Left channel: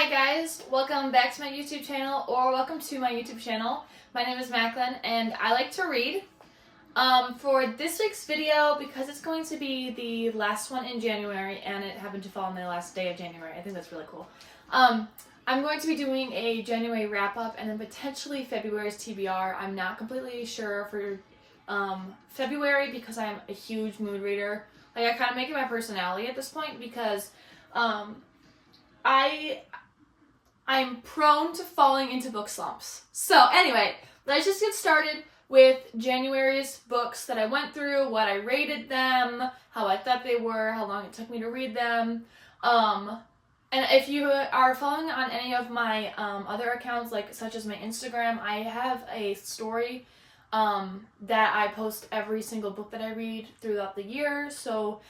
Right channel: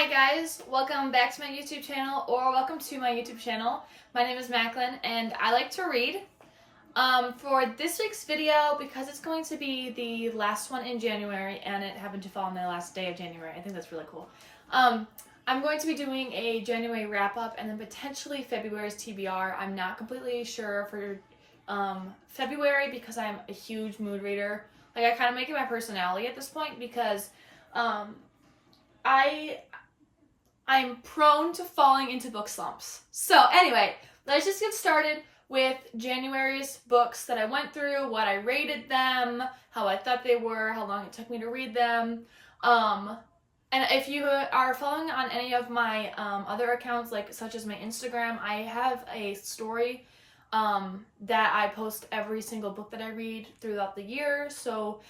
Hi guys, welcome back to my YouTube channel, or welcome to my YouTube channel. My name is Macklynn and I like to read. For this week's video, because it's going to be the last one in January and it happened to fall on the last day of January, I think that's really cool. I'm going to be doing a January wrap-up and then potentially February's TBR. I'm not completely sure for February because I'm a huge mood reader. Like, I kind of make it my personality at this point because I'm prone to falling into book slumps. So anyway, let's just get started with January's books that I went through, what I rated them, how I thought they were, how long it took me to read them. And if you are following on any of my other accounts, like such as my Instagram, I have a story that I post every single book that I read throughout the year. So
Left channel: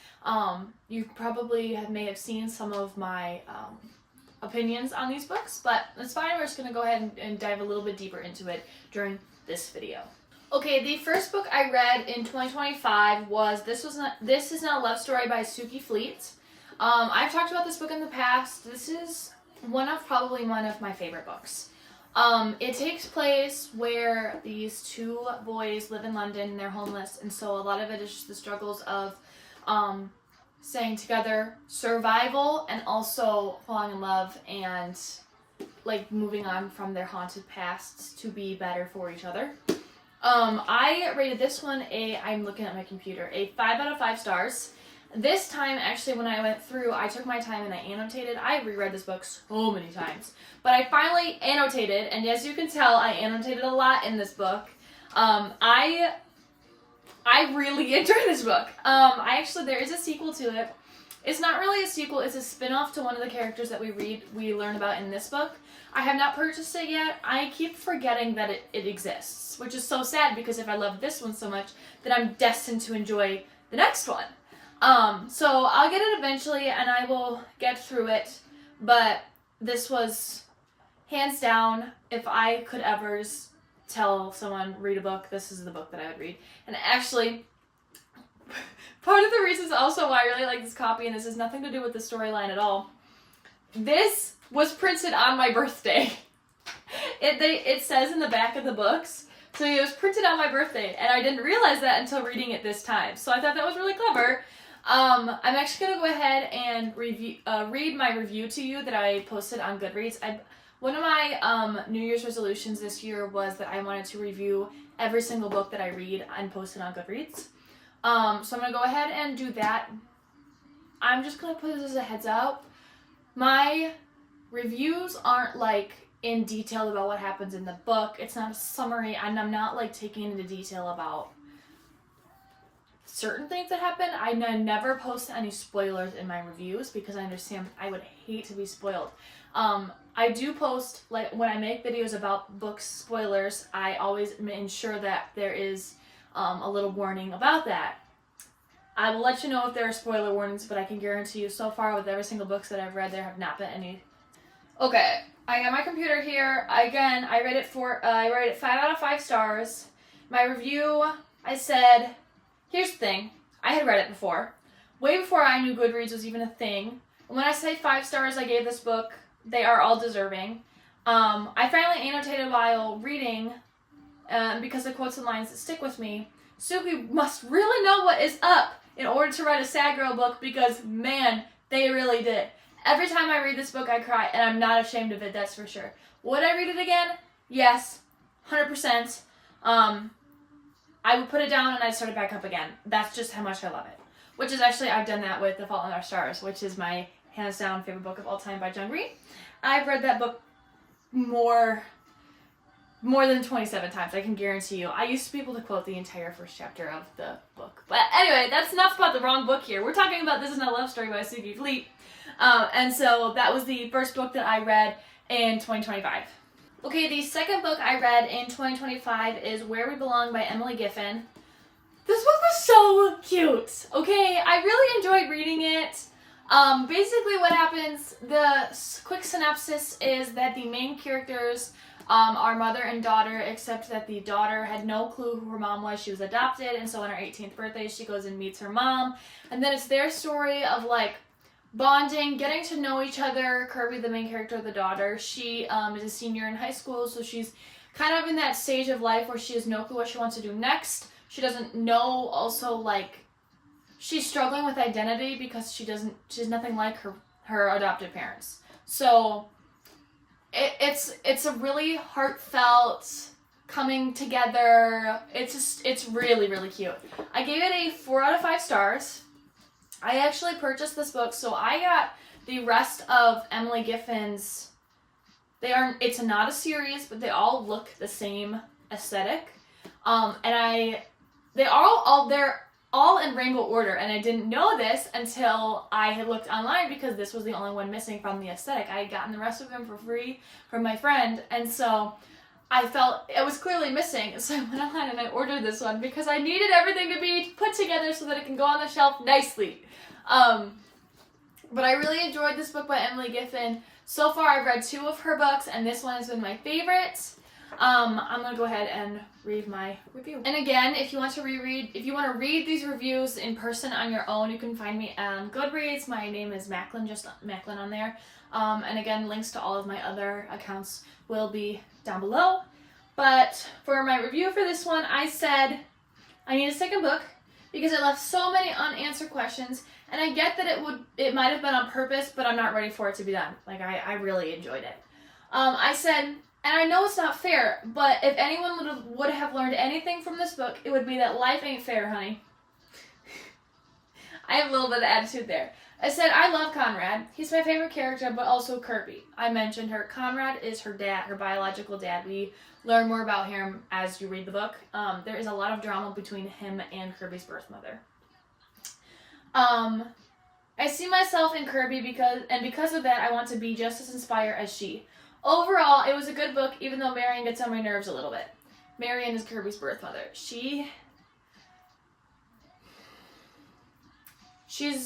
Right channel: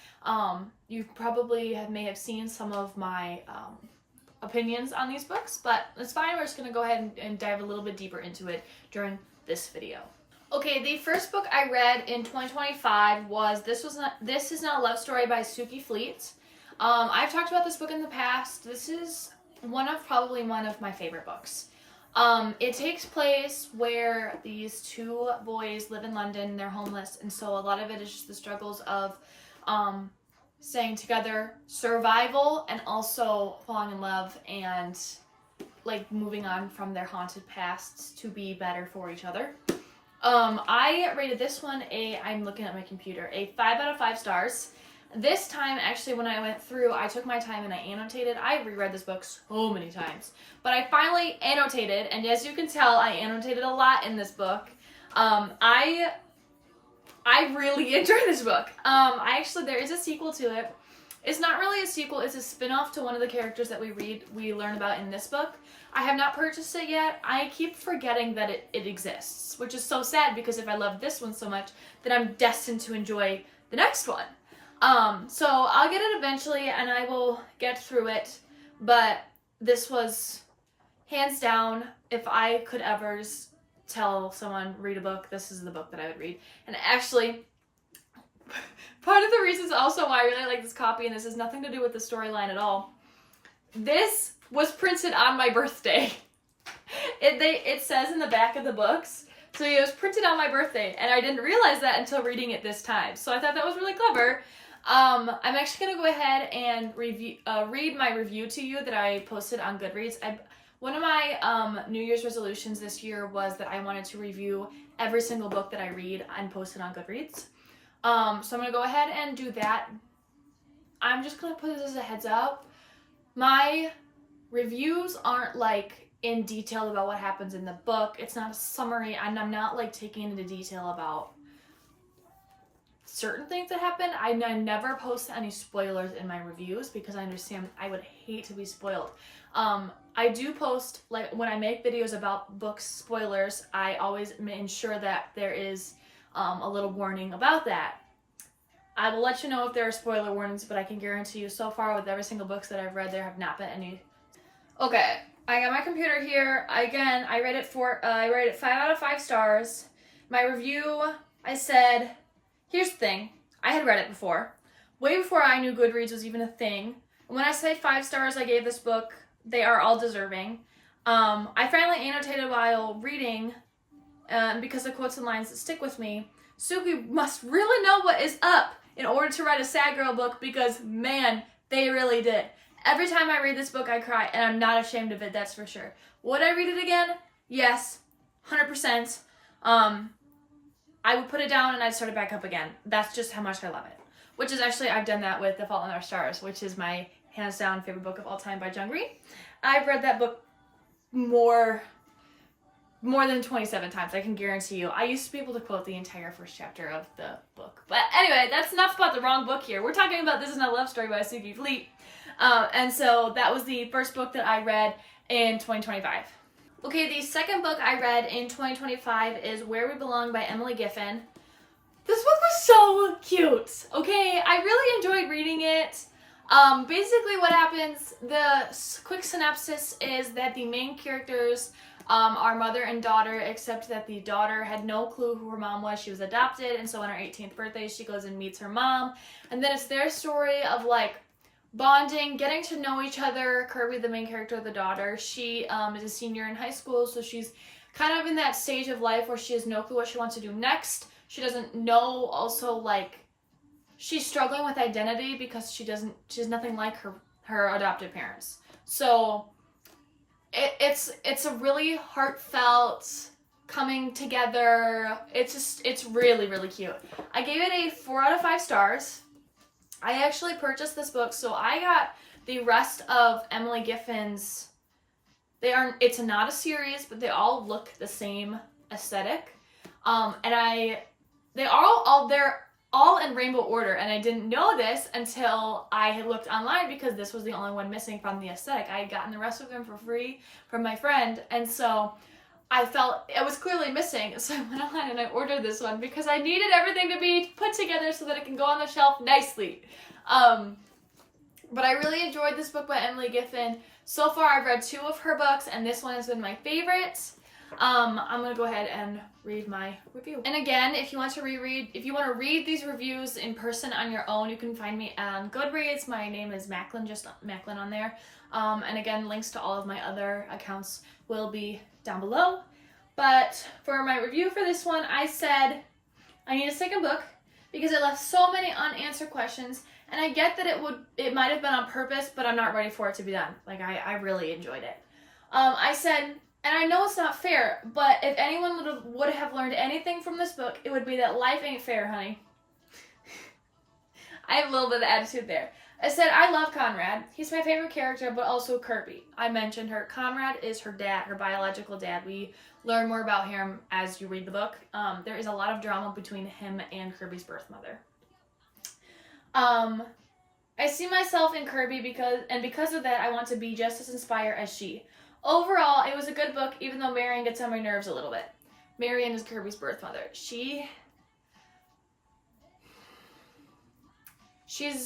you probably may have seen some of my opinions on these books, but it's fine. We're just going to go ahead and dive a little bit deeper into it during this video. Okay, the first book I read in 2025 was This Is Not a Love Story by Suki Fleet. I've talked about this book in the past. This is probably one of my favorite books. It takes place where these two boys live in London and they're homeless, and so a lot of it is just the struggles of staying together, survival, and also falling in love and like moving on from their haunted pasts to be better for each other. I rated this one I'm looking at my computer, a 5 out of 5 stars. This time, actually, when I went through, I took my time and I annotated. I reread this book so many times, but I finally annotated, and as you can tell, I annotated a lot in this book. I really enjoyed this book. There is a sequel to it. It's not really a sequel, it's a spin-off to one of the characters that we learn about in this book. I have not purchased it yet. I keep forgetting that it exists, which is so sad because if I love this one so much, then I'm destined to enjoy the next one. So I'll get it eventually and I will get through it, but this was hands down, if I could ever tell someone read a book, this is the book that I would read. And actually, part of the reasons also why I really like this copy, and this has nothing to do with the storyline at all, this was printed on my birthday. It says in the back of the books, so it was printed on my birthday, and I didn't realize that until reading it this time. So I thought that was really clever. I'm actually going to go ahead and read my review to you that I posted on GoodReads. One of my New Year's resolutions this year was that I wanted to review every single book that I read and post it on GoodReads. So I'm going to go ahead and do that. I'm just going to put this as a heads up. My reviews aren't like in detail about what happens in the book. It's not a summary, and I'm not like taking into detail about certain things that happen. I never post any spoilers in my reviews because I understand I would hate to be spoiled. I do post, like when I make videos about book spoilers, I always ensure that there is a little warning about that. I will let you know if there are spoiler warnings, but I can guarantee you so far with every single books that I've read, there have not been any. Okay, I got my computer here. Again, I rated it 5 out of 5 stars. My review, I said, here's the thing. I had read it before. Way before I knew GoodReads was even a thing. When I say 5 stars I gave this book, they are all deserving. I finally annotated while reading, because the quotes and lines that stick with me. Suki must really know what is up in order to write a sad girl book, because man, they really did. Every time I read this book, I cry, and I'm not ashamed of it, that's for sure. Would I read it again? Yes, 100%. I would put it down and I'd start it back up again. That's just how much I love it. Which is actually, I've done that with The Fault in Our Stars, which is my hands down favorite book of all time by Jung Green. I've read that book more than 27 times, I can guarantee you. I used to be able to quote the entire first chapter of the book. But anyway, that's enough about the wrong book here. We're talking about This Is Not a Love Story by Suki Fleet. And so that was the first book that I read in 2025. Okay, the second book I read in 2025 is Where We Belong by Emily Giffin. This book was so cute, okay? I really enjoyed reading it. Basically what happens, the quick synopsis is that the main characters are mother and daughter, except that the daughter had no clue who her mom was. She was adopted, and so on her 18th birthday, she goes and meets her mom. And then it's their story of like bonding, getting to know each other. Kirby, the main character, the daughter, she is a senior in high school, so she's kind of in that stage of life where she has no clue what she wants to do next. She doesn't know, also, like, she's struggling with identity because she's nothing like her adopted parents. So it's a really heartfelt coming together. It's really, really cute. I gave it a 4 out of 5 stars. I actually purchased this book, so I got the rest of Emily Giffen's. It's not a series, but they all look the same aesthetic. They're all in rainbow order, and I didn't know this until I had looked online because this was the only one missing from the aesthetic. I had gotten the rest of them for free from my friend, and so I felt it was clearly missing, so I went online and I ordered this one because I needed everything to be put together so that it can go on the shelf nicely. But I really enjoyed this book by Emily Giffen. So far, I've read 2 of her books, and this one has been my favorite. I'm going to go ahead and read my review. And again, if you want to read these reviews in person on your own, you can find me on GoodReads. My name is Macklynn, just Macklynn on there. And again, links to all of my other accounts will be down below. But for my review for this one, I said I need a second book because it left so many unanswered questions, and I get that it might have been on purpose, but I'm not ready for it to be done. Like, I really enjoyed it. I said, and I know it's not fair, but if anyone would have learned anything from this book, it would be that life ain't fair, honey. I have a little bit of attitude there. I said, I love Conrad. He's my favorite character, but also Kirby. I mentioned her. Conrad is her dad, her biological dad. We learn more about him as you read the book. There is a lot of drama between him and Kirby's birth mother. I see myself in Kirby because of that, I want to be just as inspired as she. Overall, it was a good book, even though Marion gets on my nerves a little bit. Marion is Kirby's birth mother. She's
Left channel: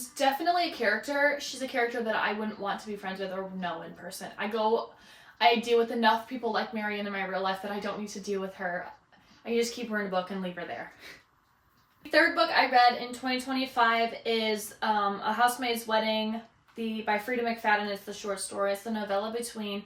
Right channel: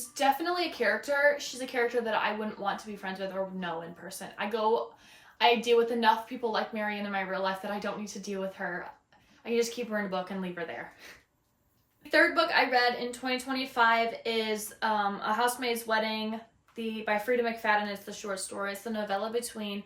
definitely a character. She's a character that I wouldn't want to be friends with or know in person. I deal with enough people like Marion in my real life that I don't need to deal with her. I can just keep her in a book and leave her there. The third book I read in 2025 is A Housemaid's Wedding by Frida McFadden. It's the short story. It's the novella between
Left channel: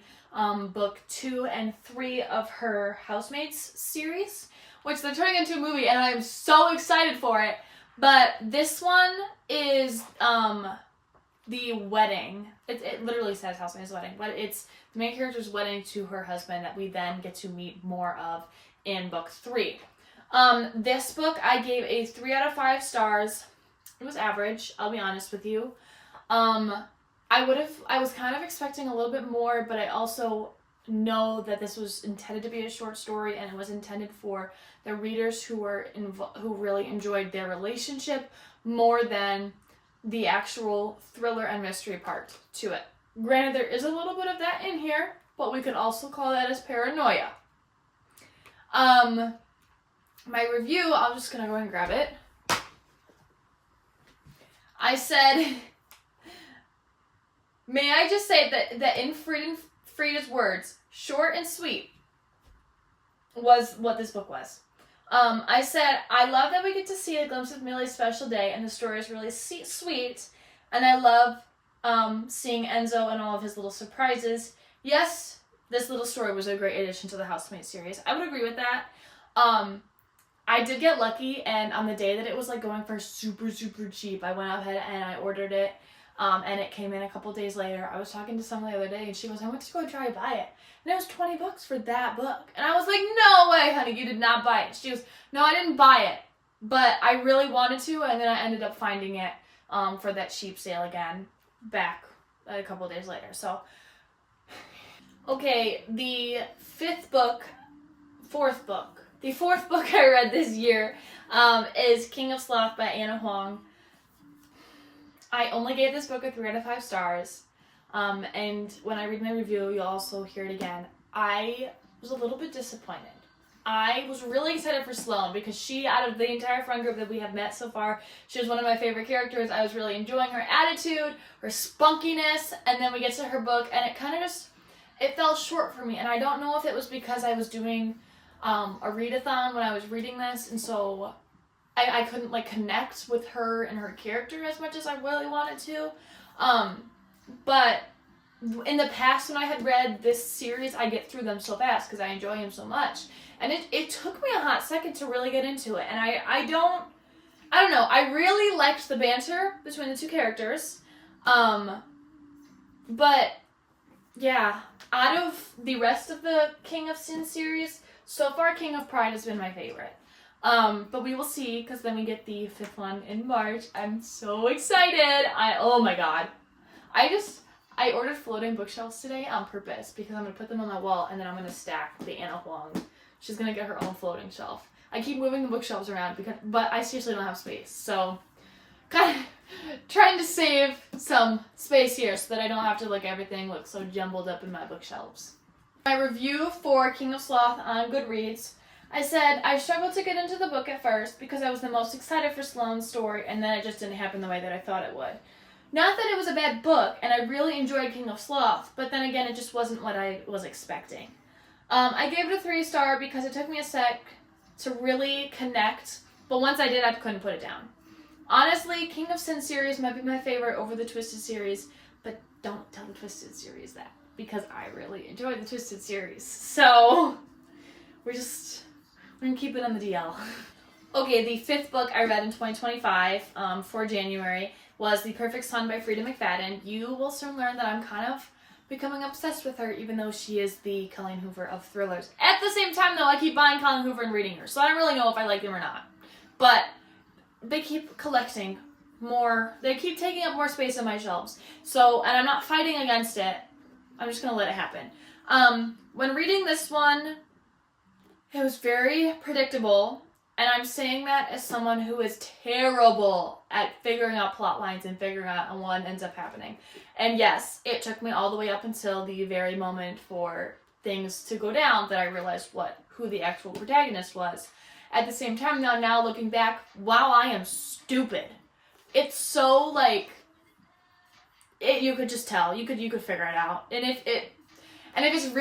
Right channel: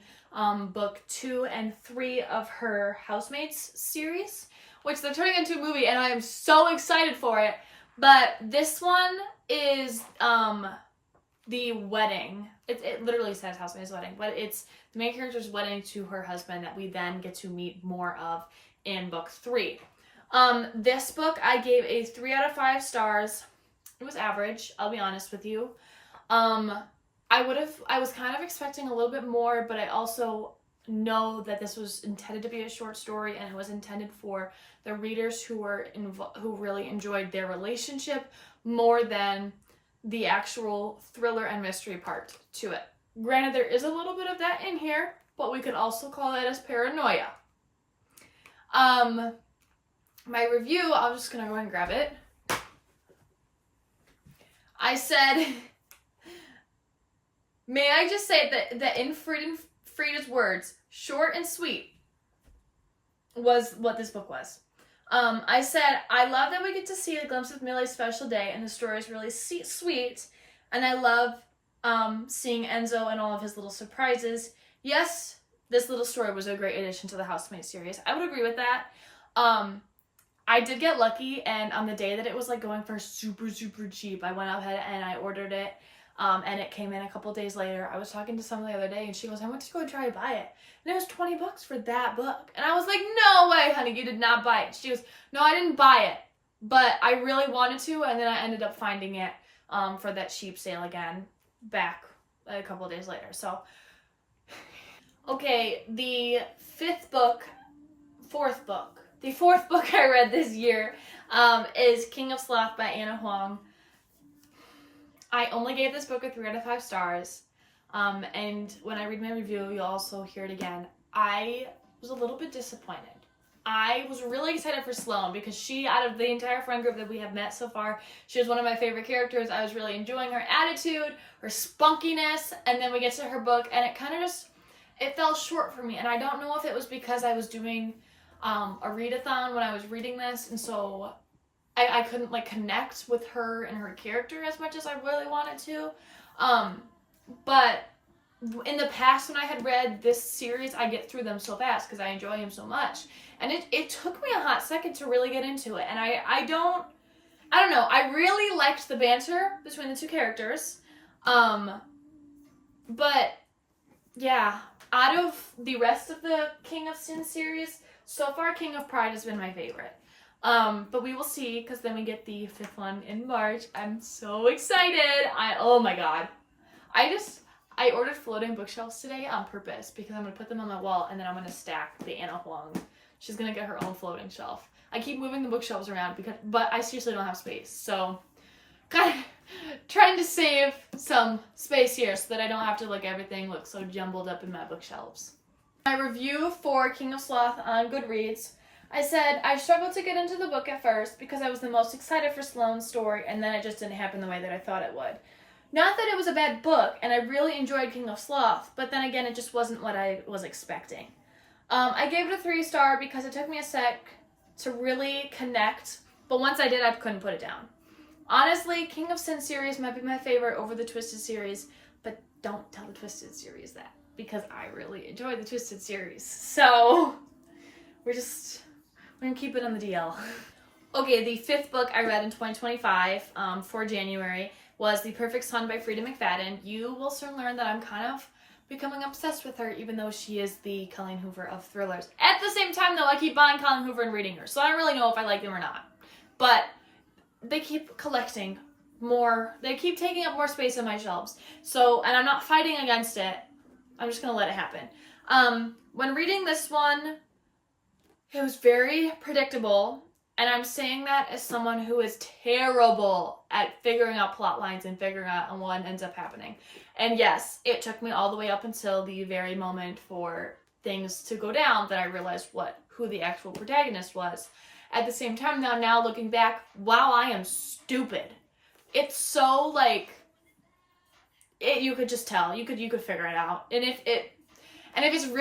book 2 and 3 of her Housemaids series, which they're turning into a movie, and I am so excited for it. But this one is the wedding. It literally says Housemaid's Wedding, but it's the main character's wedding to her husband that we then get to meet more of in book 3. This book I gave a 3 out of 5 stars. It was average, I'll be honest with you. I was kind of expecting a little bit more, but I also know that this was intended to be a short story, and it was intended for the readers who really enjoyed their relationship more than the actual thriller and mystery part to it. Granted, there is a little bit of that in here, but we could also call that as paranoia. My review, I'm just gonna go ahead and grab it. I said, may I just say that in Frida's words, short and sweet was what this book was. I said, I love that we get to see a glimpse of Millie's special day, and the story is really sweet, and I love seeing Enzo and all of his little surprises. Yes, this little story was a great addition to the Housemaid series. I would agree with that. I did get lucky, and on the day that it was like going for super, super cheap, I went ahead and I ordered it, and it came in a couple days later. I was talking to someone the other day, and she was, I went to go try to buy it, and it was $20 for that book. And I was like, no way, honey, you did not buy it. She was, no, I didn't buy it, but I really wanted to, and then I ended up finding it for that cheap sale again back a couple days later. So, okay, the fourth book I read this year is King of Sloth by Anna Huang. I only gave this book a 3 out of 5 stars. And when I read my review, you'll also hear it again. I was a little bit disappointed. I was really excited for Sloane because she, out of the entire friend group that we have met so far, she was one of my favorite characters. I was really enjoying her attitude, her spunkiness, and then we get to her book, and it kind of just, it fell short for me. And I don't know if it was because I was doing a readathon when I was reading this, and so I couldn't like connect with her and her character as much as I really wanted to. But in the past when I had read this series, I get through them so fast because I enjoy him so much. And it took me a hot second to really get into it. And I don't know. I really liked the banter between the two characters. But yeah, out of the rest of the King of Sin series, so far King of Pride has been my favorite. But we will see, because then we get the 5th one in March. I'm so excited. Oh my god. I ordered floating bookshelves today on purpose because I'm going to put them on my wall and then I'm going to stack the Anna Huang. She's going to get her own floating shelf. I keep moving the bookshelves around but I seriously don't have space. So kind of trying to save some space here so that I don't have to everything look so jumbled up in my bookshelves. My review for King of Sloth on GoodReads, I said, I struggled to get into the book at first because I was the most excited for Sloane's story and then it just didn't happen the way that I thought it would. Not that it was a bad book, and I really enjoyed King of Sloth, but then again, it just wasn't what I was expecting. I gave it a 3-star because it took me a sec to really connect, but once I did, I couldn't put it down. Honestly, King of Sin series might be my favorite over the Twisted series, but don't tell the Twisted series that, because I really enjoy the Twisted series. So, we're gonna keep it on the DL. Okay, the 5th book I read in 2025 for January was The Perfect Son by Frida McFadden. You will soon learn that I'm kind of becoming obsessed with her, even though she is the Colleen Hoover of thrillers. At the same time, though, I keep buying Colleen Hoover and reading her, so I don't really know if I like them or not. But they keep collecting more. They keep taking up more space on my shelves. So, and I'm not fighting against it. I'm just going to let it happen. When reading this one, it was very predictable. And I'm saying that as someone who is terrible at figuring out plot lines and figuring out what ends up happening. And yes, it took me all the way up until the very moment for things to go down that I realized who the actual protagonist was. At the same time, now looking back, wow, I am stupid. It's so you could just tell. You could figure it out. And if you're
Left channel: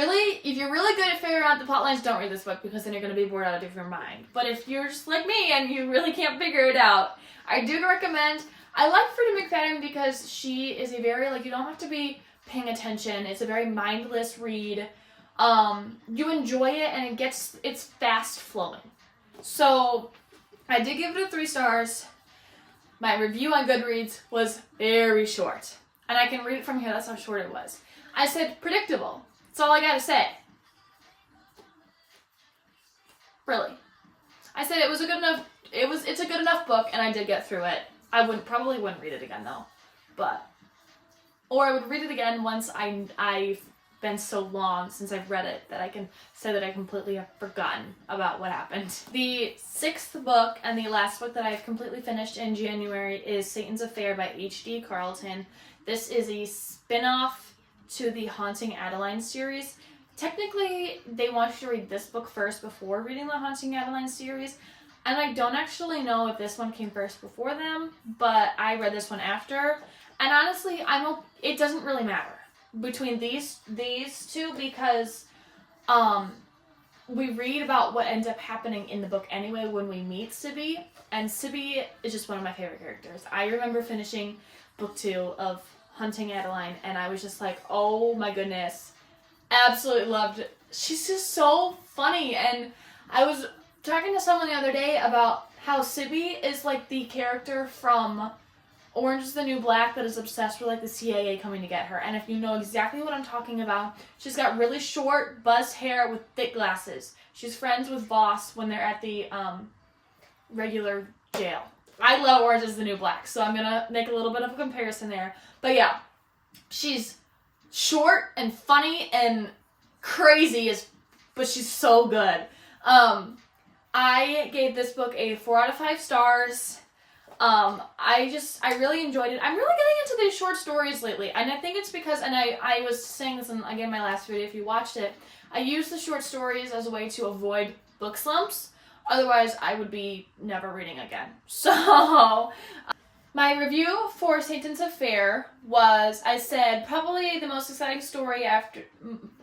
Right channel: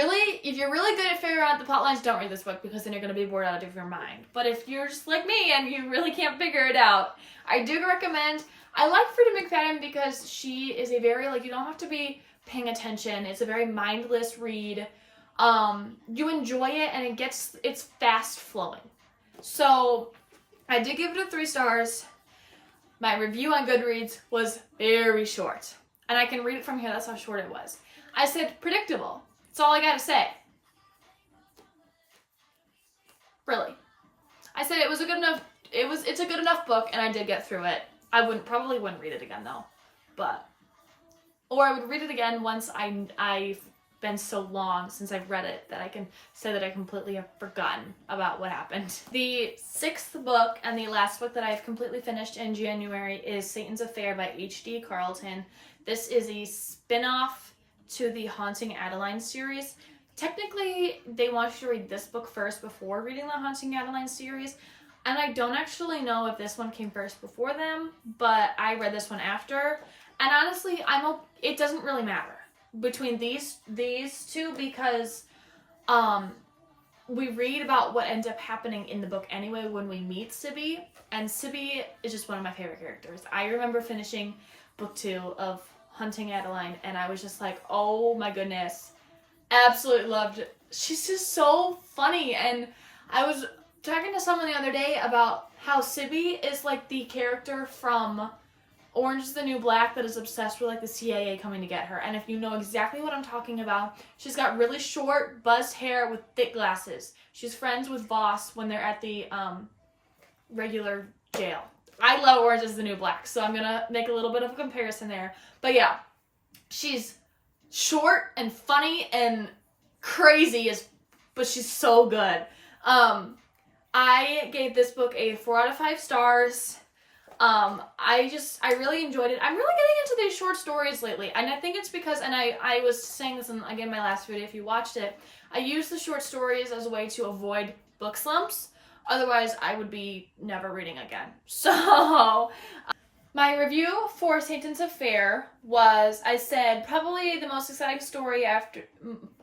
really good at figuring out the plot lines, don't read this book because then you're going to be bored out of your mind. But if you're just like me and you really can't figure it out, I do recommend. I like Frida McFadden because she is a very, you don't have to be paying attention. It's a very mindless read. You enjoy it and it's fast flowing. So I did give it a 3 stars. My review on GoodReads was very short. And I can read it from here. That's how short it was. I said predictable. That's all I gotta say. Really. I said it was it's a good enough book and I did get through it. I probably wouldn't read it again though. Or I would read it again once I've been so long since I've read it that I can say that I completely have forgotten about what happened. The 6th book and the last book that I have completely finished in January is Satan's Affair by H.D. Carlton. This is a spin-off to the Haunting Adeline series. Technically, they want you to read this book first before reading the Haunting Adeline series, and I don't actually know if this one came first before them, but I read this one after, and honestly, it doesn't really matter between these two because we read about what ends up happening in the book anyway when we meet Sibby, and Sibby is just one of my favorite characters. I remember finishing book 2 of Hunting Adeline, and I was just like, oh my goodness, absolutely loved it. She's just so funny, and I was talking to someone the other day about how Sibby is the character from Orange is the New Black that is obsessed with the CIA coming to get her, and if you know exactly what I'm talking about, she's got really short, buzzed hair with thick glasses. She's friends with Voss when they're at the regular jail. I love Orange is the New Black, so I'm gonna make a little bit of a comparison there. But yeah, she's short and funny and crazy, but she's so good. I gave this book a 4 out of 5 stars. I really enjoyed it. I'm really getting into these short stories lately, and I think it's because, and I was saying this in, again, my last video, if you watched it, I use the short stories as a way to avoid book slumps. Otherwise, I would be never reading again. So, my review for Satan's Affair was, I said, probably the most exciting story after...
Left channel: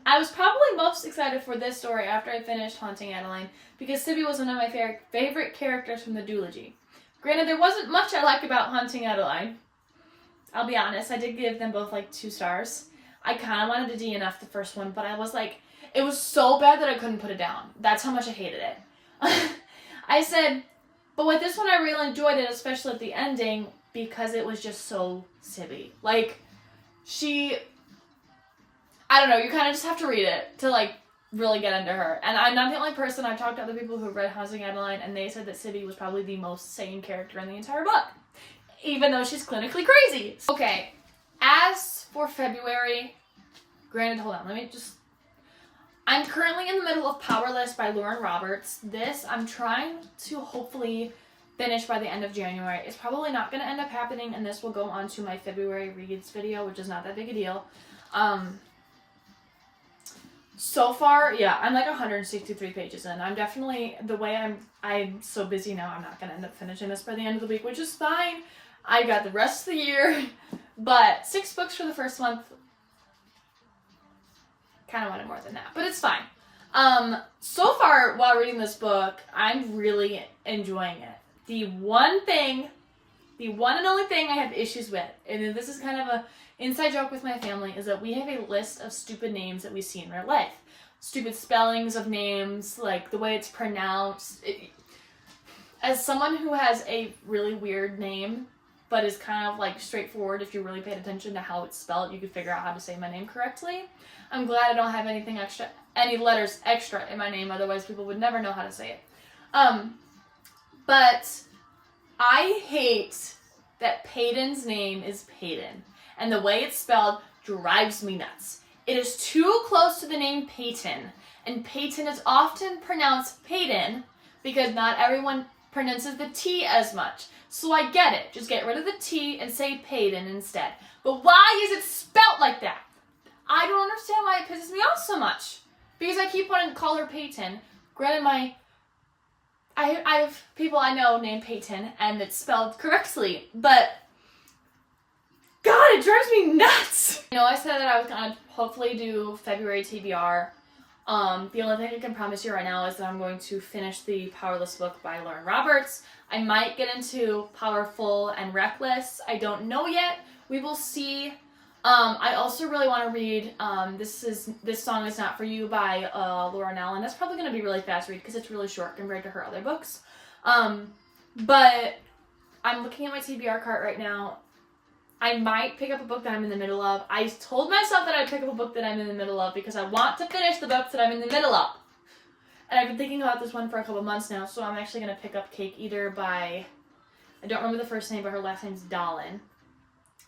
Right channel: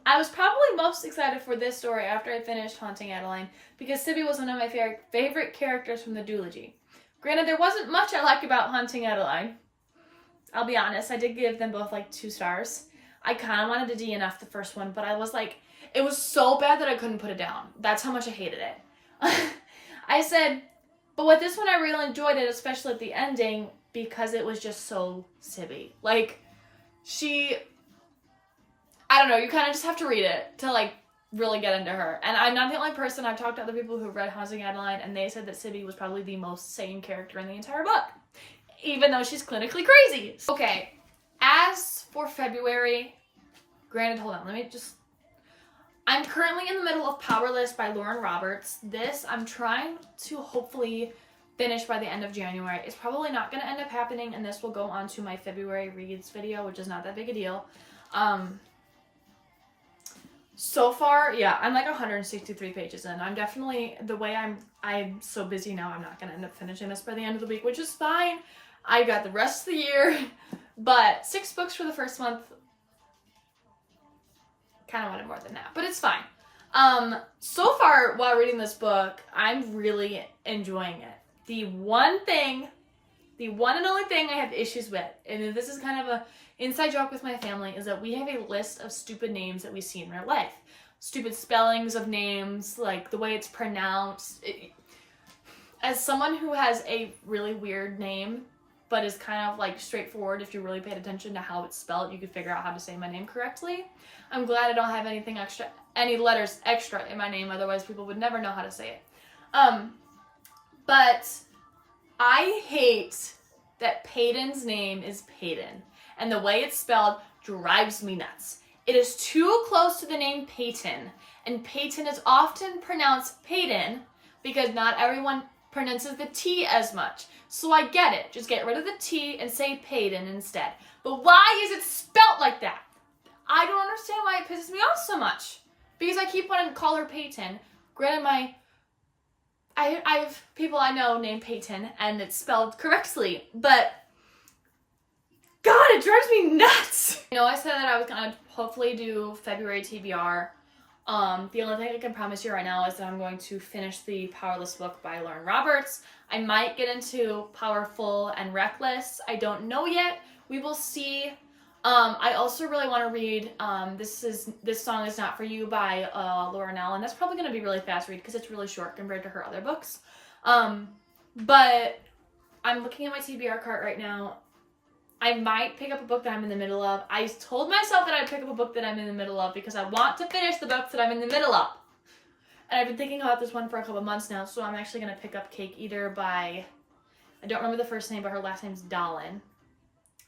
I was probably most excited for this story after I finished Haunting Adeline, because Sibby was one of my favorite characters from the duology. Granted, there wasn't much I liked about Haunting Adeline, I'll be honest, I did give them both like 2 stars. I kind of wanted to DNF the first one, but I was like, it was so bad that I couldn't put it down. That's how much I hated it. I said, but with this one I really enjoyed it, especially at the ending, because it was just so Sibby. Like, I don't know, you kind of just have to read it to like really get into her. And I'm not the only person. I've talked to other people who read Housing Adeline, and they said that Sibby was probably the most sane character in the entire book, even though she's clinically crazy. Okay, as for February, granted, hold on, I'm currently in the middle of Powerless by Lauren Roberts. This I'm trying to hopefully finish by the end of January. It's probably not going to end up happening, and this will go on to my February reads video, which is not that big a deal. So far, yeah, I'm like 163 pages in. I'm definitely, the way I'm so busy now, I'm not going to end up finishing this by the end of the week, which is fine. I got the rest of the year, but 6 books for the first month. Kind of wanted more than that, but it's fine. So far, while reading this book, I'm really enjoying it. The one and only thing I have issues with, and this is kind of a inside joke with my family, is that we have a list of stupid names that we see in real life. Stupid spellings of names, like the way it's pronounced. As someone who has a really weird name, but is kind of like straightforward, if you really paid attention to how it's spelled, you could figure out how to say my name correctly. I'm glad I don't have any letters extra in my name, otherwise people would never know how to say it. But I hate that Peyton's name is Peyton, and the way it's spelled drives me nuts. It is too close to the name Peyton, and Peyton is often pronounced Peyton because not everyone pronounces the T as much. So I get it. Just get rid of the T and say Peyton instead. But why is it spelled like that? I don't understand why it pisses me off so much. Because I keep wanting to call her Peyton. Granted, I have people I know named Peyton, and it's spelled correctly, but God, it drives me nuts. You know, I said that I was gonna hopefully do February TBR. The only thing I can promise you right now is that I'm going to finish the Powerless book by Lauren Roberts. I might get into Powerful and Reckless. I don't know yet. We will see. I also really want to read This Song Is Not For You by Lauren Allen. That's probably going to be really fast read because it's really short compared to her other books. But I'm looking at my TBR cart right now. I might pick up a book that I'm in the middle of. I told myself that I'd pick up a book that I'm in the middle of because I want to finish the books that I'm in the middle of. And I've been thinking about this one for a couple months now, so I'm actually going to pick up Cake Eater by, I don't remember the first name, but her last name's Dahlin.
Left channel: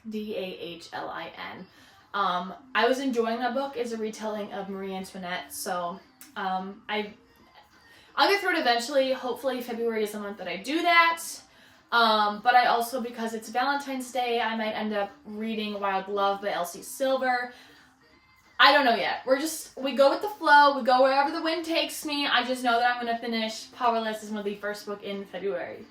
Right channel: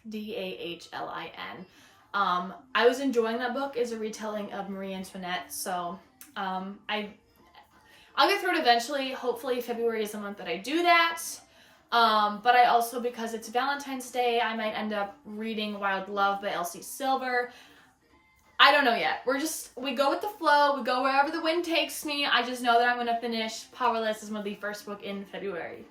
Dahlin. I was enjoying that book as a retelling of Marie Antoinette, so I'll get through it eventually. Hopefully February is the month that I do that. But I also, because it's Valentine's Day, I might end up reading Wild Love by Elsie Silver. I don't know yet. We go with the flow. We go wherever the wind takes me. I just know that I'm going to finish Powerless as one of the first book in February.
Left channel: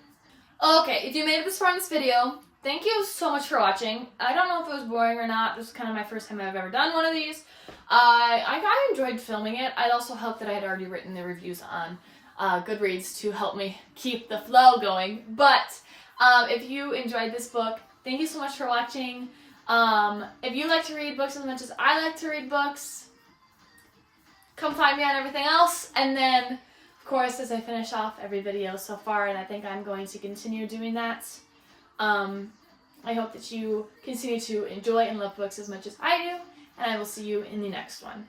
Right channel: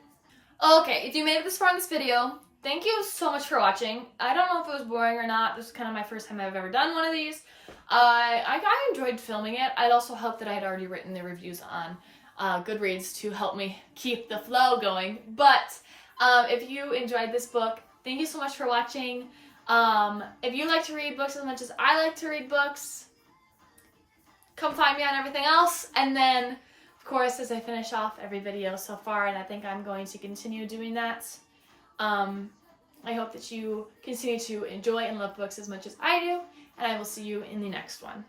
Okay, if you made it this far in this video, thank you so much for watching. I don't know if it was boring or not. This is kind of my first time I've ever done one of these. I enjoyed filming it. I'd also helped that I had already written the reviews on GoodReads to help me keep the flow going. But if you enjoyed this book, thank you so much for watching. If you like to read books as much as I like to read books, come find me on everything else. And then, of course, as I finish off every video so far, and I think I'm going to continue doing that, I hope that you continue to enjoy and love books as much as I do, and I will see you in the next one.